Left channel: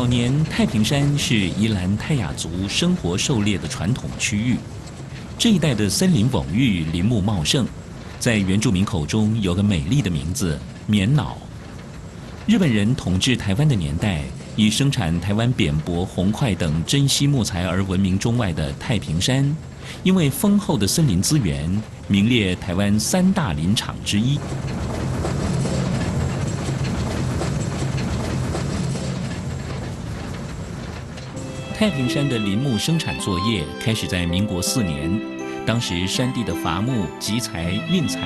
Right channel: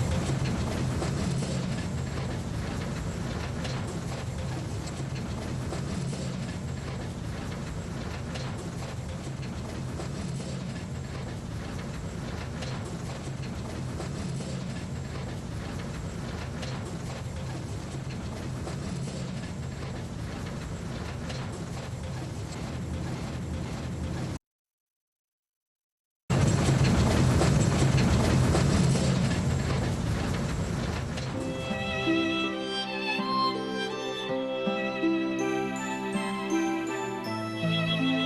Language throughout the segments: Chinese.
早年太平山是宜兰泰雅族生活狩猎的传统区域，这一带的森林广域，林木茂盛，在原住民口中有个美丽的名字——棉袄。日本人统治台湾的年代，以生产台湾扁柏、红桧等珍稀木材而闻名中外的太平山，因为丰厚的森林资源，名列台湾三大林场之一。太平山的林木生产作业开始在民国4年，当时山地的伐木、集材、运材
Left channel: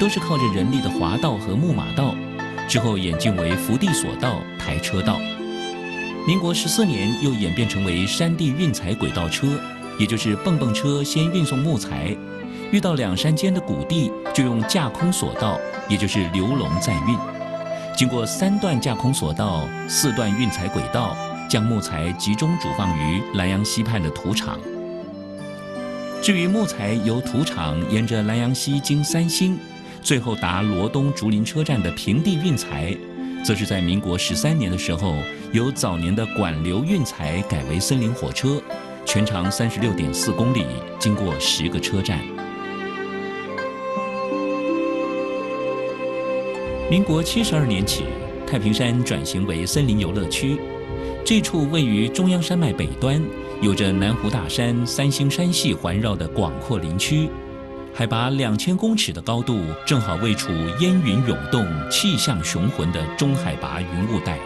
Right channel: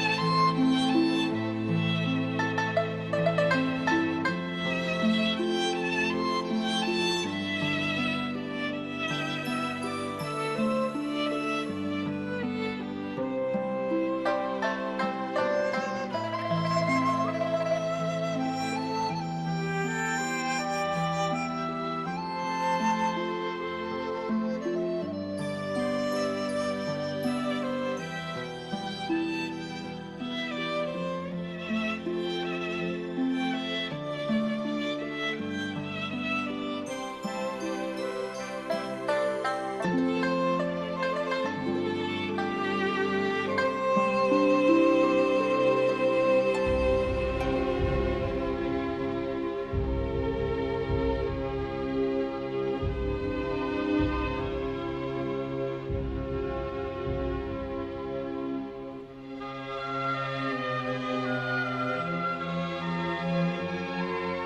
都是靠着人力的滑道和木马道，之后演进为福地索道、台车道。民国14年又演变成为山地运材轨道车，也就是蹦蹦车先运送木材，遇到两山间的谷地，就用架空索道，也就是流笼载运。经过3段架空索道、4段运材轨道，将木材集中主放于兰阳溪畔的土场。至于木材由土场沿着兰阳溪经3星，最后达罗东竹林车站的平地运材，则是在民国13年的时候，由早年的管流运材改为森林火车，全长36.4公里，经过10个车站。民国72年起，太平山转型为森林游乐区。这处位于中央山脉北端，有着南湖大山、3星山系环绕的广阔林区，海拔2000公尺的高度，正好位处烟云涌动、气象雄浑的中海拔云雾带。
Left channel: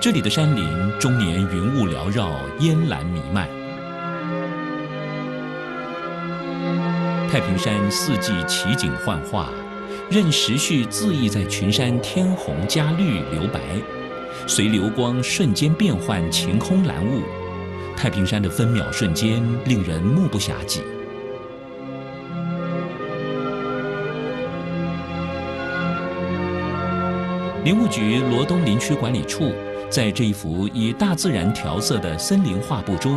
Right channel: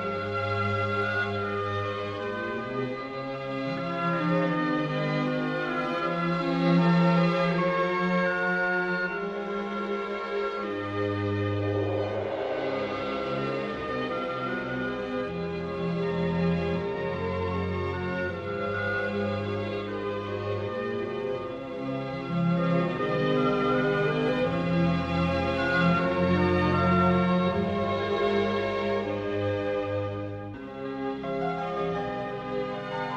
这里的山林终年云雾缭绕，烟岚弥漫。太平山4季奇景幻化，任时序恣意在群山添红加绿留白。随流光瞬间变换晴空蓝雾，太平山的分秒瞬间令人目不暇接。林务局罗东林区管理处在这一幅以大自然调色的森林画布中，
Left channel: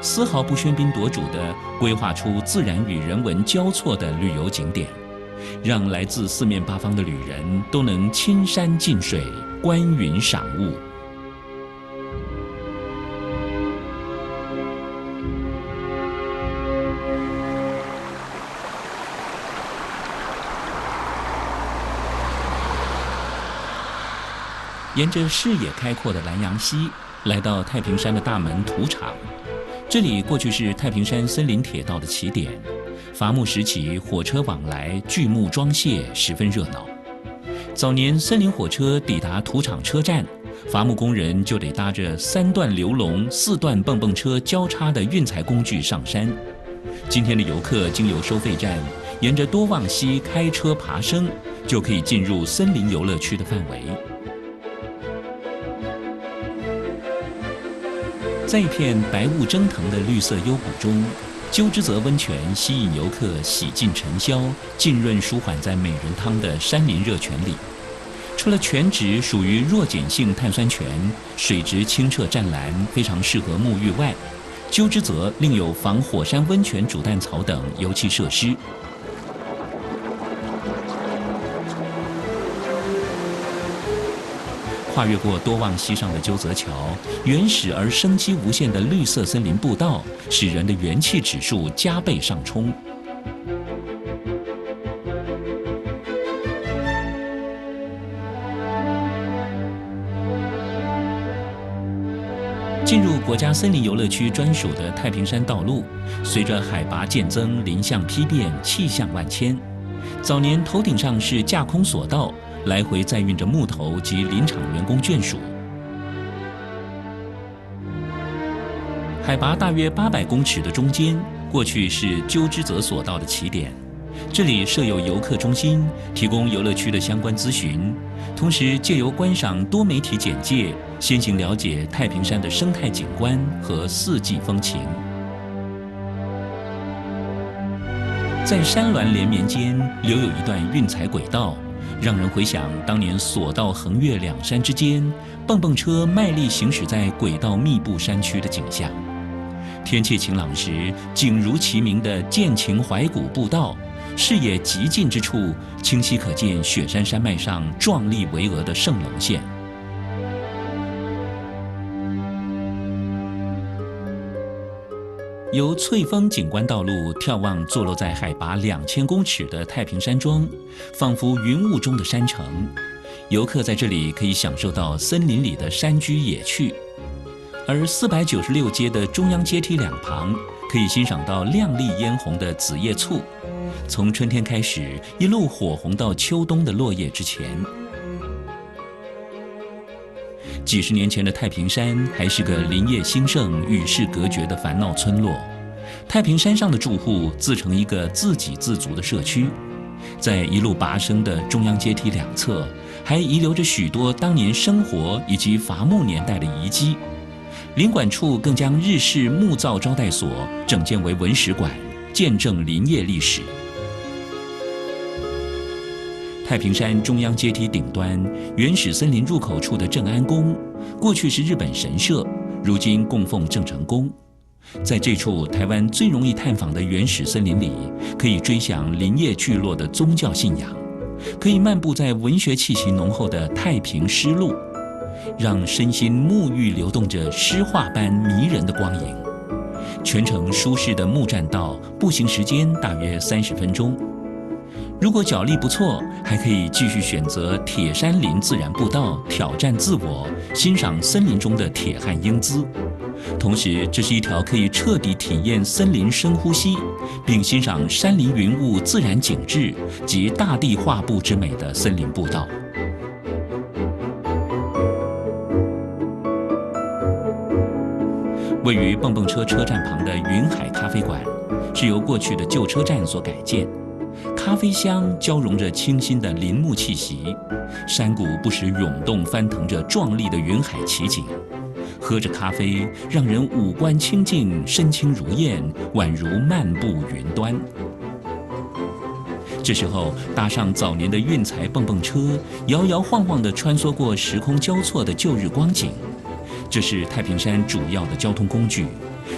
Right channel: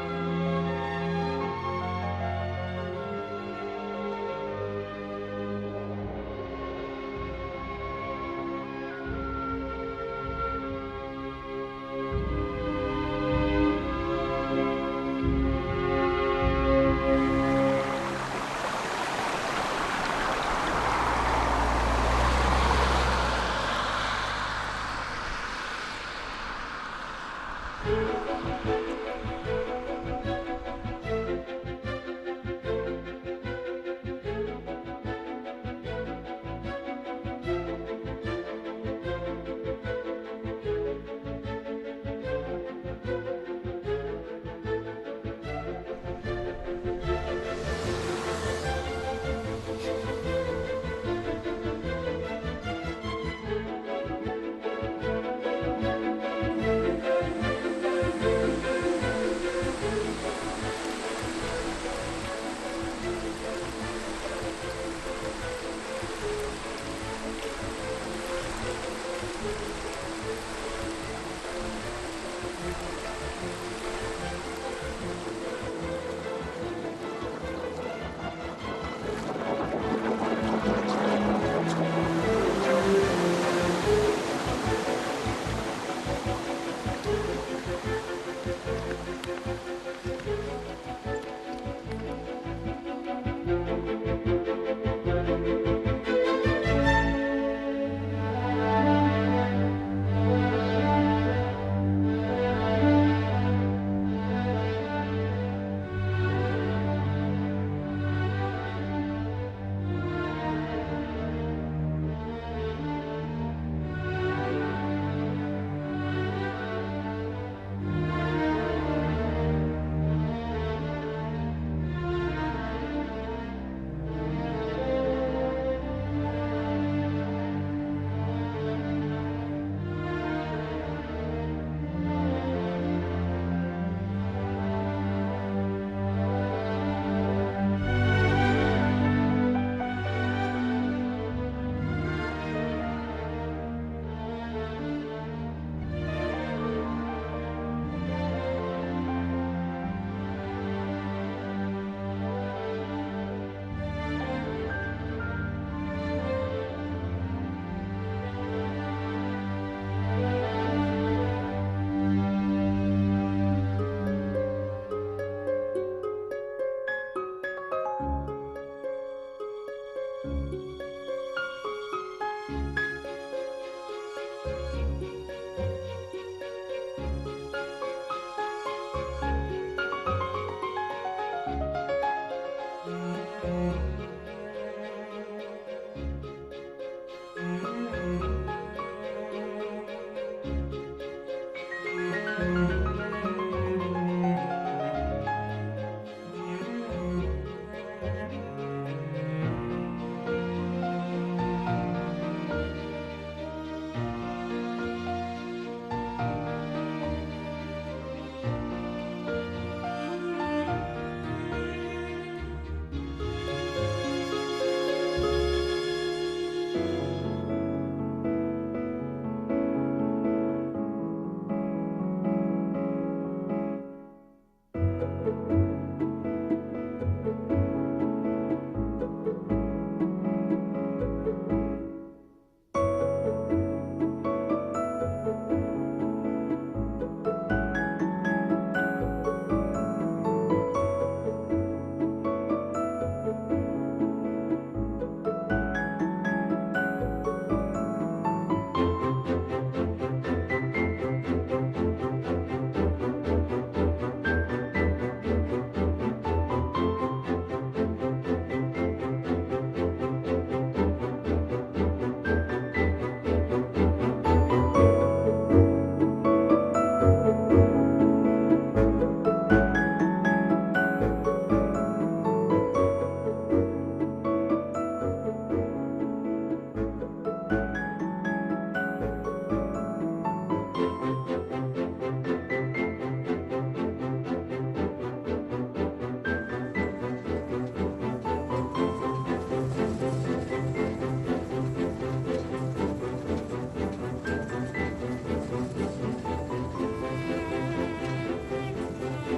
丝毫不喧宾夺主地规划出自然与人文交错的旅游景点，让来自4面8方的旅人都能亲山近水，观云赏雾。沿着视野开阔的兰阳溪，来到太平山的大门土场。这里过去是太平山森林铁道的起点，伐木时期火车往来，锯木装卸，十分热闹。早年森林火车抵达土场车站，伐木工人就得搭着3段流笼、4段蹦蹦车交叉的运材工具上山。今天的游客经由收费站，沿着多望溪开车爬升，就可以进入森林游乐区的范围。在一片白雾蒸腾的绿色幽谷中，鸠之泽温泉吸引游客洗尽尘嚣，浸润舒缓在美如汤的山林热泉里。除了泉质属于弱碱性碳酸泉，水质清澈湛蓝，非常适合沐浴外，鸠之泽另有防火山温泉煮蛋槽等油气设施。跨越过多望溪上的鸠泽桥，原始而生机无限的绿色森林步道，使人的元气指数加倍上冲。进入国家森林游乐区专属的太平山道路，随着海拔渐增，林相丕变，气象万千。早年头顶上是架空索道，来回载运着木头及林场员工眷属。海拔大约800公尺的中间，过去是鸠之泽索道的起点。这里设有游客中心，提供游乐区的相关咨询，同时借由观赏多媒体简介，先行了解太平山的生态景观和4季风情。在山峦连绵间，留有一段运材轨道，让人回想当年索道横越2山之间，蹦蹦车卖力行驶在轨道密布山区的景象。天气晴朗时，景如其名的剑情怀古步道，视野极近之处，清晰可见雪山山脉上壮丽巍峨的圣龙线。由翠峰景观道路眺望坐落在海拔2000公尺的太平山庄，仿佛云雾中的山城。游客在这里可以享受到森林里的山居野趣，而496街的中央阶梯两旁，可以欣赏到亮丽嫣红的紫叶簇，从春天开始，一路火红到秋冬的落叶之前。几十年前的太平山还是个林业兴盛、与世隔绝的烦恼村落。太平山上的住户自成一个自给自足的社区，在一路拔升的中央阶梯两侧，还遗留着许多当年生活以及伐木年代的遗迹。林管处更将日式木造招待所整建为文史馆，见证林业历史。太平山中央阶梯顶端，原始森林入口处的正安宫，过去是日本神社，如今供奉郑成功。在这处台湾最容易探访的原始森林里，可以追想林业聚落的宗教信仰，可以漫步在文学气息浓厚的太平诗路，让身心沐浴流动着诗画般迷人的光影。全程舒适的木栈道，步行时间大约30分钟。如果脚力不错，还可以继续选择铁山林自然步道，挑战自我，欣赏森林中的铁汉英姿。同时，这是一条可以彻底体验森林深呼吸，并欣赏山林云雾自然景致及大地画布之美的森林步道。位于蹦蹦车车站旁的云海咖啡馆，是由过去的旧车站所改建。咖啡香交融着清新的林木气息，山谷不时涌动翻腾着壮丽的云海奇景。喝着咖啡，让人五官清净，身轻如燕，宛如漫步云端。这时候，搭上早年的运材蹦蹦车，摇摇晃晃地穿梭过时空交错的旧日光景。这是太平山主要的交通工具，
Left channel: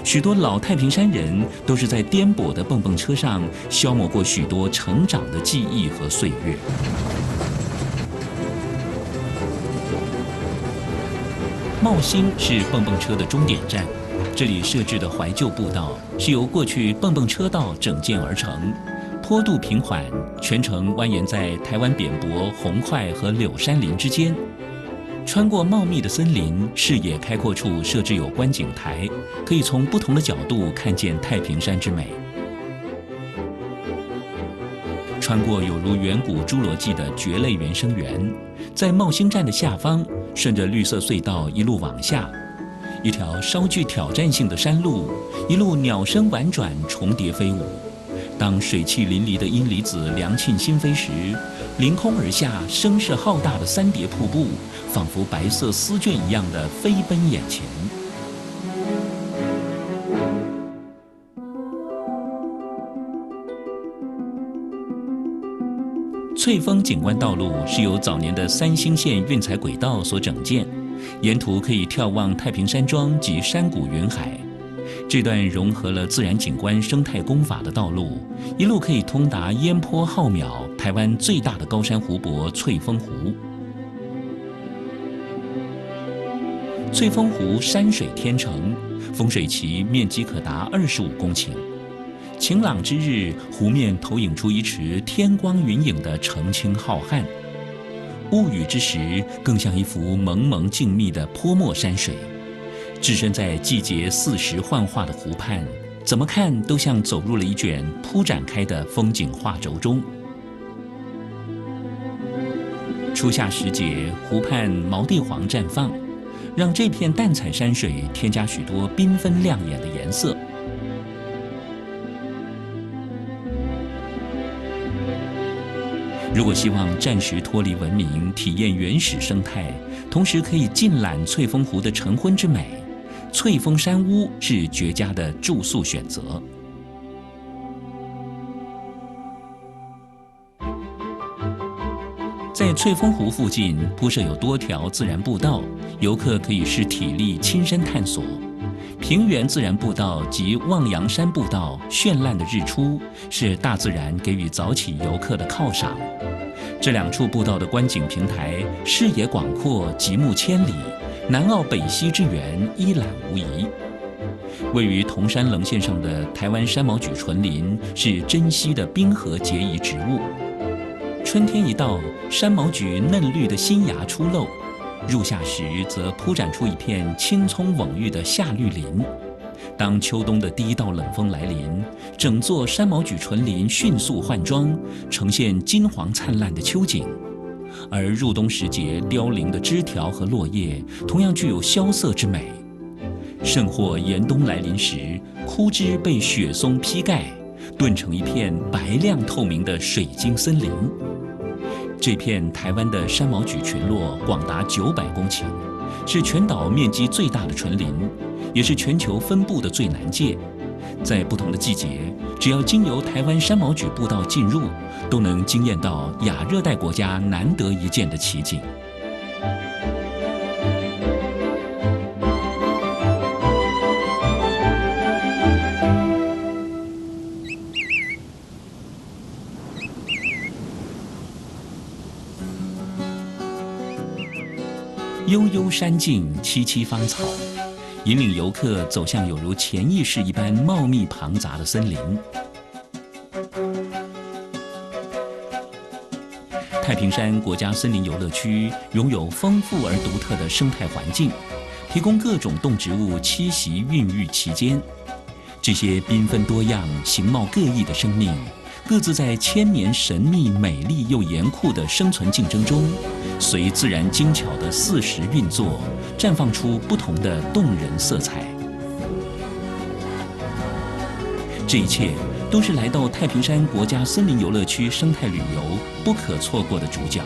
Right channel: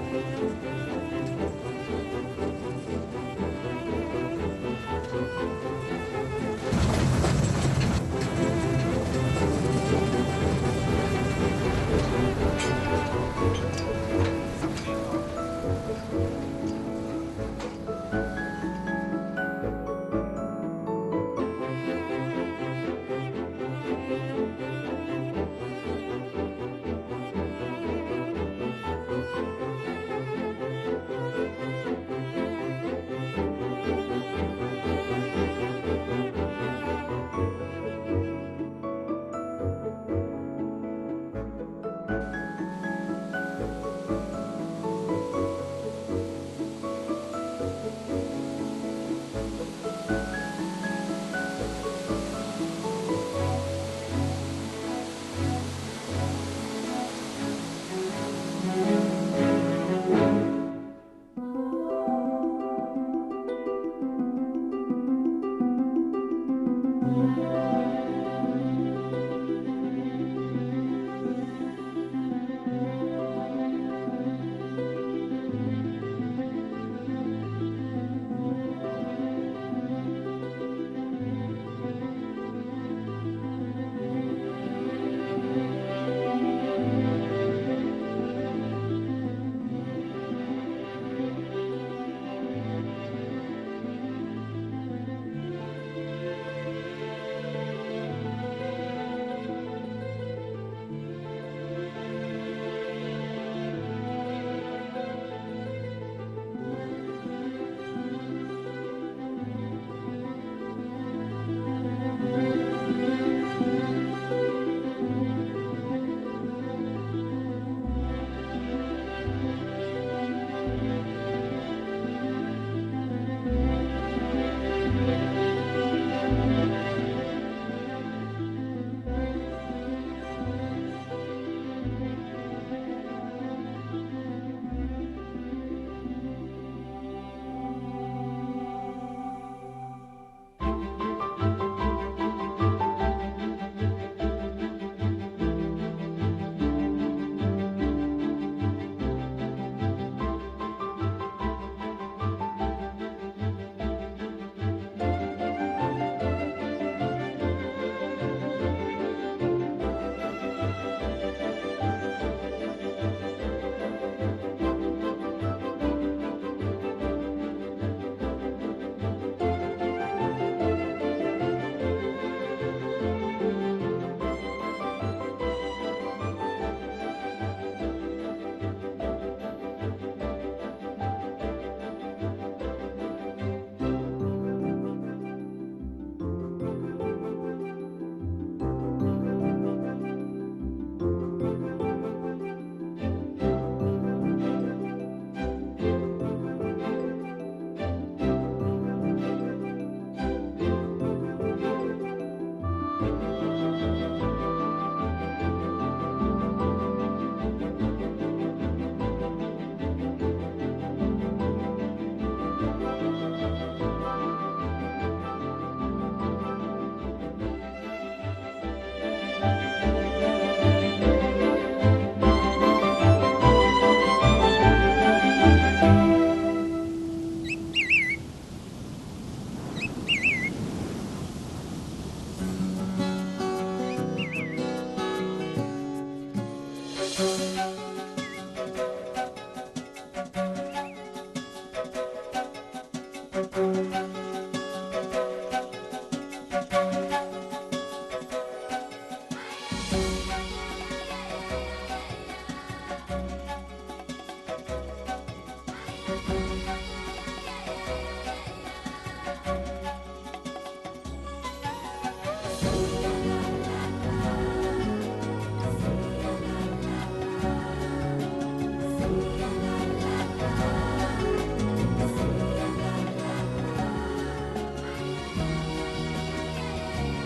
许多老太平山人都是在颠簸的蹦蹦车上消磨过许多成长的记忆和岁月。茂兴是蹦蹦车的终点站，这里设置的怀旧步道是由过去蹦蹦车道整建而成，坡度平缓，全程蜿蜒在台湾扁柏、红桧和柳杉林之间。穿过茂密的森林，视野开阔处设置有观景台，可以从不同的角度看见太平山之美。穿过有如远古侏罗纪的蕨类原生园，在茂兴站的下方，顺着绿色隧道一路往下，一条稍具挑战性的山路，一路鸟声婉转，重叠飞舞。当水汽淋漓的阴离子凉沁心扉时，凌空而下，声势浩大的三叠瀑布，仿佛白色丝绢一样的飞奔眼前。翠峰景观道路是由早年的三星线运材轨道所整建，沿途可以眺望太平山庄及山谷云海。这段融合了自然景观、生态工法的道路，一路可以通达烟波浩渺、台湾最大的高山湖泊翠峰湖。翠峰湖山水天成，风水期面积可达25公顷。晴朗之日，湖面投影出一池天光云影的澄清浩瀚；乌雨之时，更像一幅蒙蒙静谧的泼墨山水。置身在季节四时幻化的湖畔，怎么看都像走入了一卷铺展开的风景画轴中。初夏时节，湖畔毛地黄绽放，让这片淡彩山水添加许多缤纷亮眼的颜色。如果希望暂时脱离文明，体验原始生态，同时可以尽览翠峰湖的晨昏之美，翠峰山屋是绝佳的住宿选择。在翠峰湖附近铺设有多条自然步道，游客可以视体力亲身探索。平原自然步道及望洋山步道，绚烂的日出是大自然给予早起游客的犒赏。这两处步道的观景平台视野广阔，极目千里，南澳北溪之缘一览无遗。位于铜山棱线上的台湾山毛榉纯林是珍稀的冰河结遗植物。春天一到，山毛榉嫩绿的新芽出露，入夏时则铺展出一片青葱蓊郁的夏绿林。当秋冬的第一道冷风来临，整座山毛榉纯林迅速换装，呈现金黄灿烂的秋景。而入冬时节凋零的枝条和落叶，同样具有萧瑟之美。甚或严冬来临时，枯枝被雪松披盖，顿成一片白亮透明的水晶森林。这片台湾的山毛榉群落广达900公顷，是全岛面积最大的纯林，也是全球分布的最南界。在不同的季节，只要经由台湾山毛榉步道进入，都能惊艳到亚热带国家难得一见的奇景。悠悠山径，萋萋芳草，引领游客走向有如潜意识一般茂密庞杂的森林。太平山国家森林游乐区拥有丰富而独特的生态环境，提供各种动植物栖息孕育其间。这些缤纷多样、形貌各异的生命，各自在千年神秘、美丽又严酷的生存竞争中，随自然精巧的4时运作，绽放出不同的动人色彩。这一切都是来到太平山国家森林游乐区生态旅游不可错过的主角。